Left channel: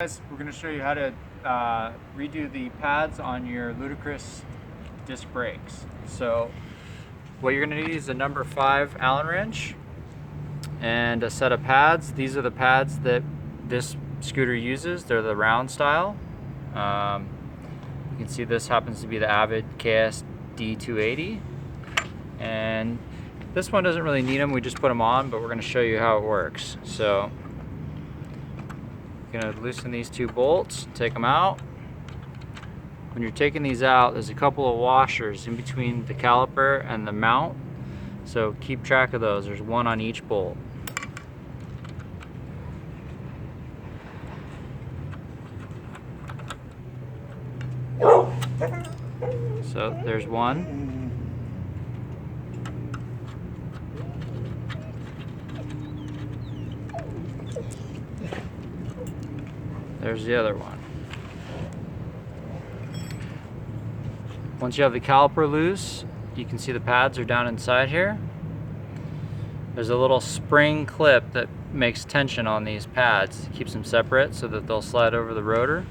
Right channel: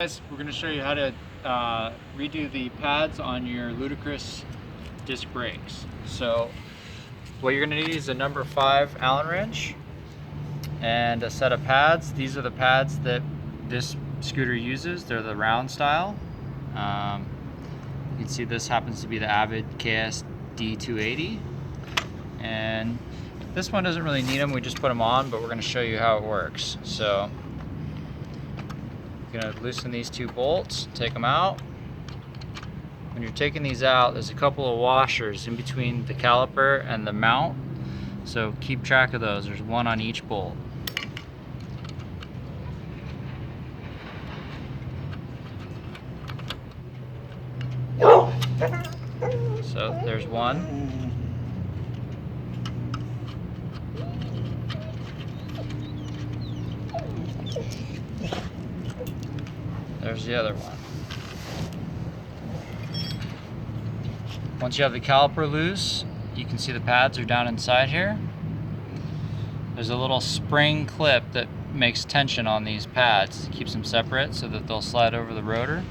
Guys, we're going to show you how to redo the pads on your Ludicrous disc brakes. So what you're going to need is a number 5 Allen wrench and a set of pads. These are the pads that this scooter uses. They're the round style. You can see this happens to be the Avid KS D280, and this one doesn't really need them. We just put them on, but we're going to show you how it works. So you're going to loosen these 2 bolts, take them out. When you're taking these out, there's a couple of washers in between the caliper and the mount, so keep track of those. There's one on each bolt. So there's one. There's the other one. Once you have the caliper loose, you can see the pads are down inside here. There's a little spring clip that makes tension on these pads. It keeps them separate so that they'll slide over the rotor.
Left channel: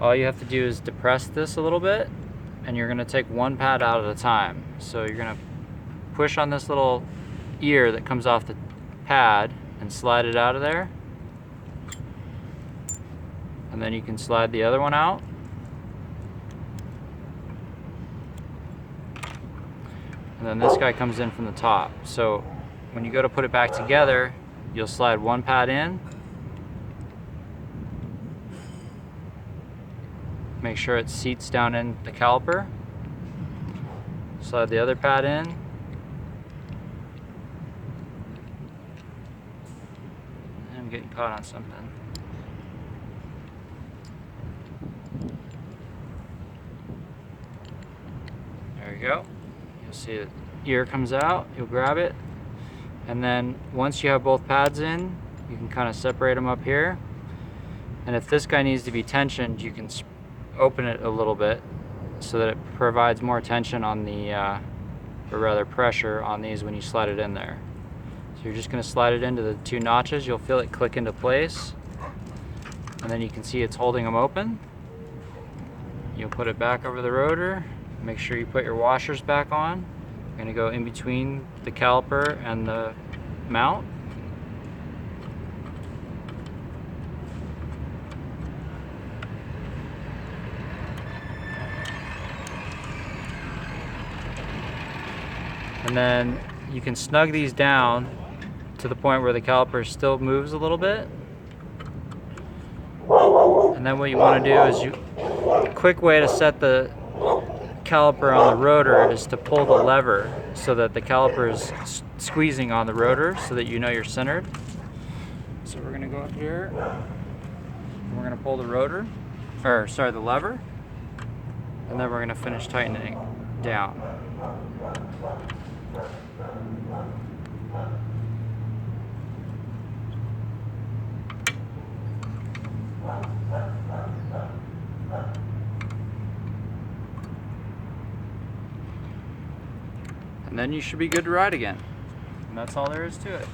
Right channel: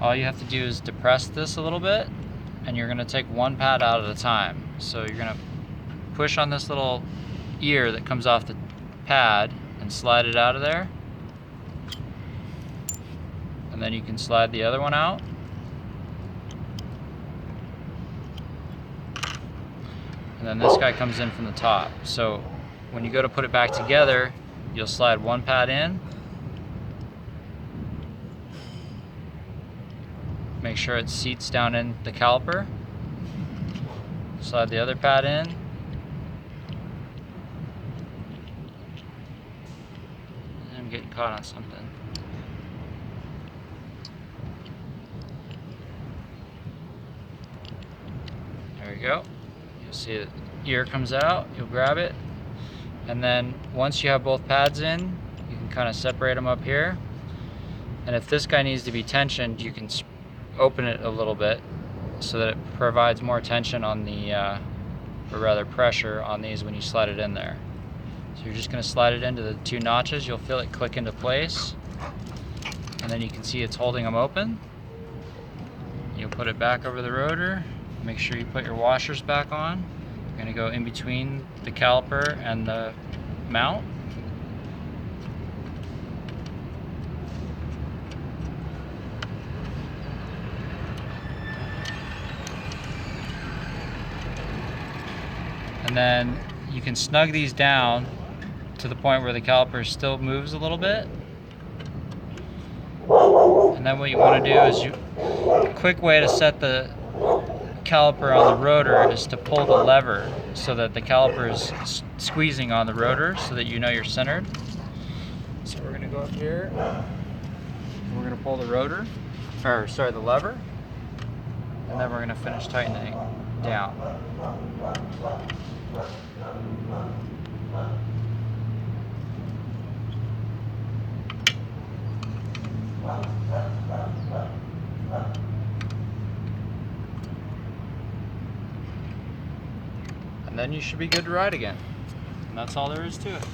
All you have to do is depress this a little bit, and you're going to take one pad out at a time. So you're going to push on this little ear that comes off the pad and slide it out of there. And then you can slide the other one out. And then this guy comes in from the top. So when you go to put it back together, you'll slide one pad in. Make sure it seats down in the caliper. Slide the other pad in. I'm getting caught on something. There we go. You'll see the ear comes out, you'll grab it, and then once you have both pads in, you can kind of separate them up here. And if this guy needs to be tensioned, you can open it a little bit so that it provides more tension on the, or rather pressure on these when you slide it in there. So you're just going to slide it into the 2 notches. You'll feel it click into place, and then you can see it's holding them open. You'll put it back over the rotor. Make sure you put your washers back on. You're going to go in between the caliper and the mount. And then you can snug these down to the point where the caliper still moves a little bit. And then what you want to do is a quick way to set the caliper on the rotor is to pull the lever so that the caliper is squeezing on the rotor so that you know you're centered. So we're going to go up here and we're going to pull the rotor, or sorry, the lever, and then we're going to finish tightening down. And then you should be good to ride again. And that's all there is to it.